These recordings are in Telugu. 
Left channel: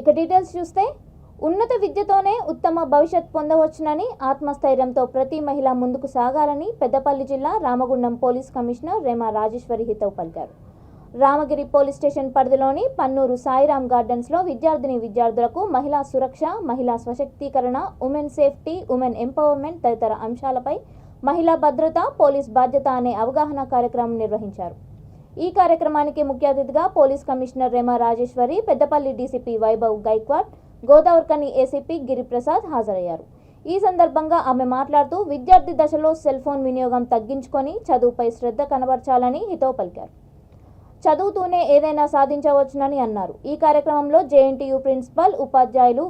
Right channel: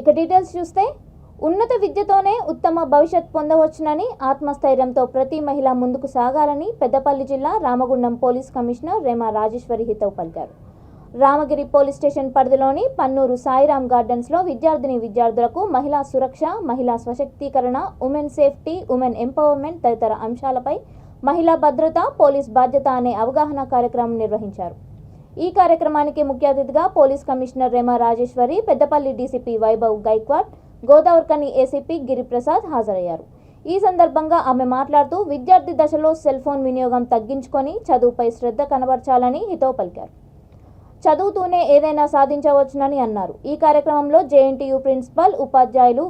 ఇక డీటెయిల్స్ చూస్తే ఉన్నత విద్యతోనే ఉత్తమ భవిష్యత్ పొందవచ్చునని ఆత్మస్థైర్యంతో ప్రతి మహిళ ముందుకు సాగాలని పెద్దపల్లి జిల్లా రామగుండం పోలీస్ కమిషనర్ రేమా రాజేశ్వరి హితవు పలికారు. రామగిరి పోలీస్ స్టేషన్ పరిధిలోని పన్నూరు సాయిరాం గార్డెన్స్లో విద్యార్థులకు మహిళా సురక్ష, మహిళా స్వశక్తీకరణ, ఉమెన్ సేఫ్టీ, ఉమెన్ ఎంపవర్మెంట్ తదితర అంశాలపై మహిళా భద్రత, పోలీస్ బాధ్యత అనే అవగాహన కార్యక్రమం నిర్వహించారు. ఈ కార్యక్రమానికి ముఖ్య అతిథిగా police commissioner Rema Rajeshwari, Peddapalli DCP Vaibhav Gaikwad, Godavarikhani ACP Giriprasad హాజరయ్యారు. ఈ సందర్భంగా ఆమె మాట్లాడుతూ విద్యార్థి దశలో సెల్ ఫోన్ వినియోగం తగ్గించుకొని చదువుపై శ్రద్ధ కనబర్చాలని హితవు పలికారు. చదువుతూనే ఏదైనా సాధించవచ్చునని అన్నారు. ఈ కార్యక్రమంలో జేఎన్టీయూ ప్రిన్సిపల్, ఉపాధ్యాయులు,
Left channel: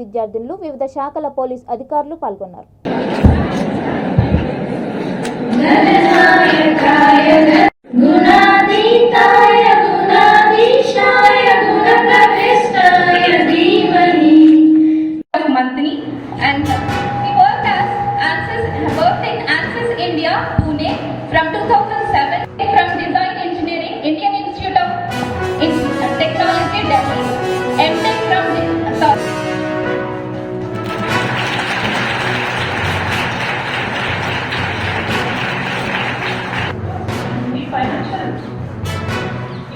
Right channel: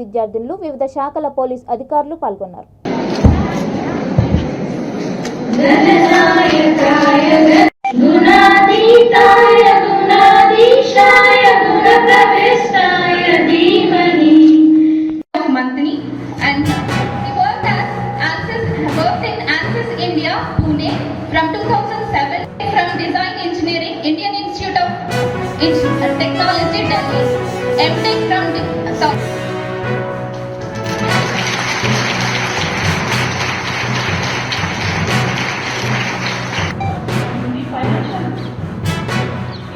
విద్యార్థినులు, వివిధ శాఖల పోలీస్ అధికారులు పాల్గొన్నారు. Indian Institute of Technology, Delhi, MTech from financial.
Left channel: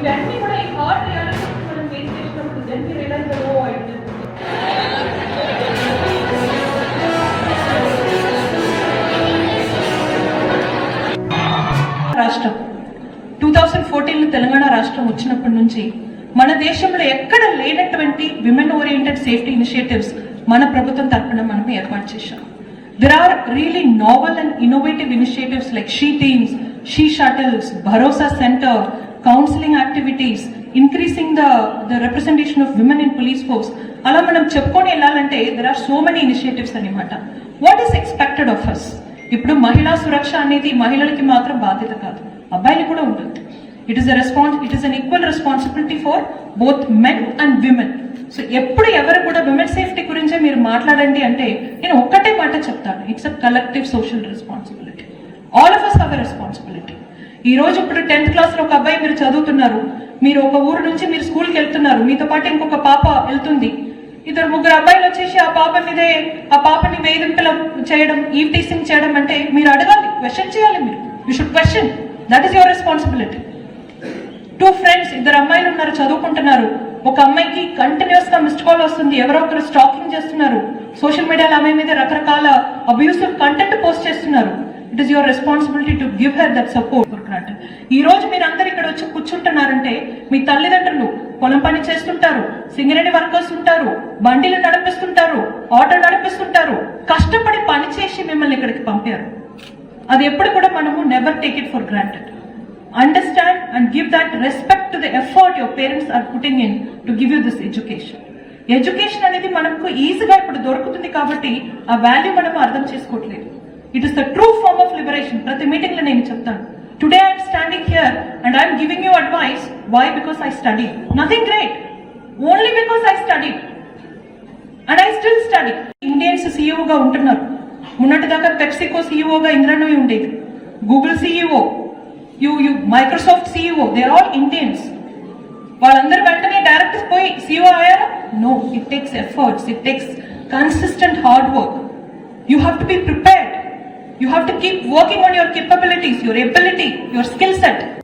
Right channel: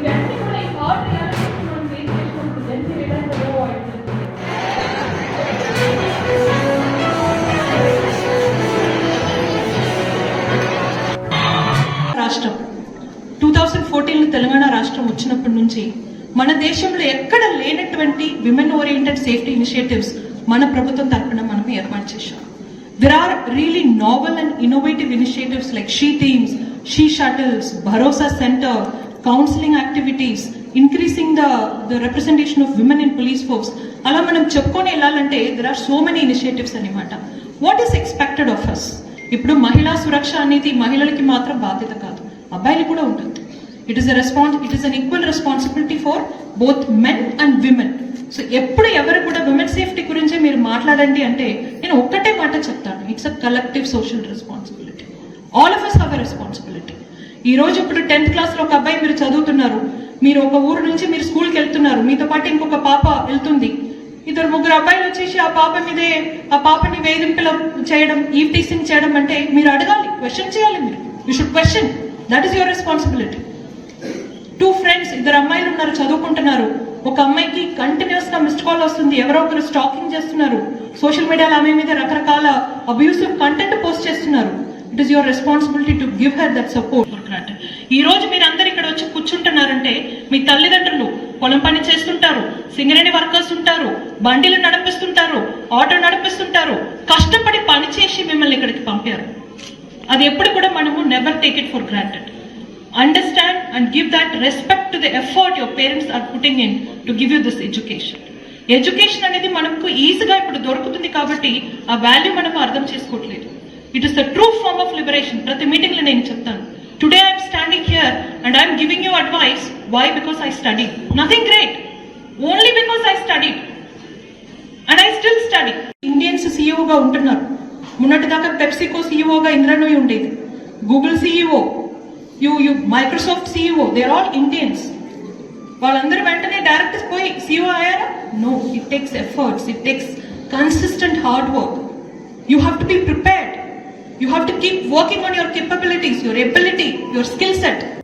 ఇవన్నీ కూడా ఈ హార్డ్ రియాలిటీస్ మనం ఫేస్ చేసినప్పుడు దెన్ వి రియలైజ్ ద ఓ ఐ రాష్ట్రం 2014 తెలంగాణ రాష్ట్రం వచ్చినప్పటి నుంచి మన దేశంలో ఎక్కడ లేనటువంటి విమెన్ ఓరియంటెడ్ సేఫ్టీ ఇనిషియేటివ్స్ మన ప్రభుత్వం తరఫున మనం ఏర్పాటు చేశాం. There are really novel and innovative initiatives like She Teams, She Shuttles, Bharosa Center, counseling activities, increasing the representation of women in police force. అలా మనం చెప్పుకొని వెళ్ళాలంటే there are so many initiatives అన్నమాట. What is expected of us? ఇప్పుడు మహిళా సురక్ష అనేది మహిళలకి మాత్రం బాధ్యత కాదు, అబ్బాయిలకు కూడా ఉంటుంది. It is an equal responsibility for both men and women. So ఎప్పుడు ఎవరు కూడా విమెన్ సేఫ్టీ గురించే మీరు మాట్లాడండి అంటే నేను ఒక్కటే మాట చెప్తాను, it's a collective social responsibility. All of us have a responsibility. ఈ రోజు ఇప్పుడు 10th క్లాస్లో ఒక అబ్బాయి మీరు చదువుతున్నారు, మీరు ఒక ఊరు నుంచి మీరు స్కూల్కి వెళ్తున్నారు, మీతో పాటు ఇంకొక పాప వెళ్తుంది, 2-3 అబ్బాయిలు వచ్చేసి ఆ పాపని వేధింపులు చేయడం, ఈవ్ టీసింగ్ చేయడం అంటే మీరు అడగాలి, క్వశ్చన్ చేయాలి. మీరు you should question, that is your responsibility. 2 friends, 2 అమ్మాయిలు ఉన్నారు, చదువుకుంటున్నారు, ఒక అమ్మాయికి కంటిన్యూస్ గా మిస్డ్ కాల్ వస్తుంది, ఎవరో ఒకరు స్టాకింగ్ చేస్తున్నారు, సోషల్ మీడియాలో అమ్మాయి మీద రకరకాల అబ్యూసివ్ కంటెంట్ పోస్ట్ చేస్తున్నారు. It is your responsibility to give her that support. ఈ రోజు మీరు అందరు ఇక్కడ వచ్చి కూర్చుంటున్నారంటే మీ తల్లిదండ్రులు పొలం పని చేస్తుంటారు, సింగరేణి వర్కర్స్ ఉంటారు, బండిలు నడిపిస్తుంటారు, ఆటో నడిపిస్తుంటారు, కష్టపడి పని చేసి మిమ్మల్ని ఇక్కడికి పంపారు. అది ఎప్పుడు కూడా మనము never take it for granted. Understand and give that respect to the effort your parents are putting in to give you this education. Education అనేది మనకు ఈజీగా ఇప్పుడు దొరుకుతుంది కాబట్టి ఆ వాల్యూ మనం అర్థం చేసుకోవట్లేదు. It is the true form of liberation. ప్రతి మీటింగ్ లో నేను చెప్తాను, today I'm standing here and I'm giving you advice. Why? Because I study. Nothing great, only because I study and I still study. Indians సీఈఓగా ఉంటున్నారు. మొన్నటిదాకా పెప్సికో సీఈఓగా ఇంద్రనూయి ఉండేది, Google CEO, Microsoft CEO, they are all Indians. వాళ్ళందరూ వెంటనే డైరెక్ట్ పోయి సీఈఓ అయ్యారా? No, it takes efforts, it takes consistent hard work. You have to be prepared, you have to keep working on your capabilities, your ability, your skill set.